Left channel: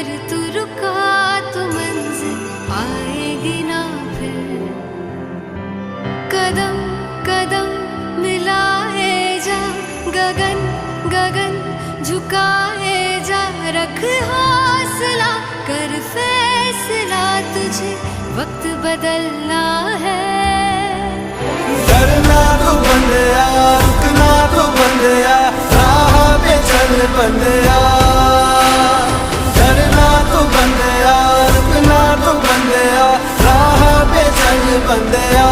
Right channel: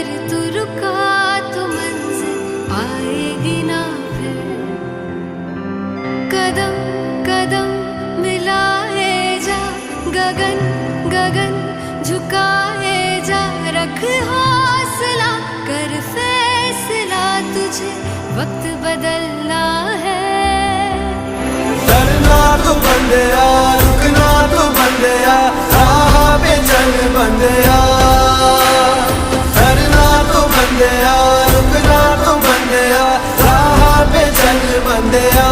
अगर तू रुका तो मंजिल आएगी ना फिर। कदम कदम मिलाए जा, गगन गगन झुकाए जा, रख हौसला कर फैसला, तुझे वक्त बदलना है। डरना तो बंदिया, रुकना तो बंदिया, राह पे चल बंदिया। डरना तो बंदिया, रुकना तो बंदिया, राह पे चल बंदिया।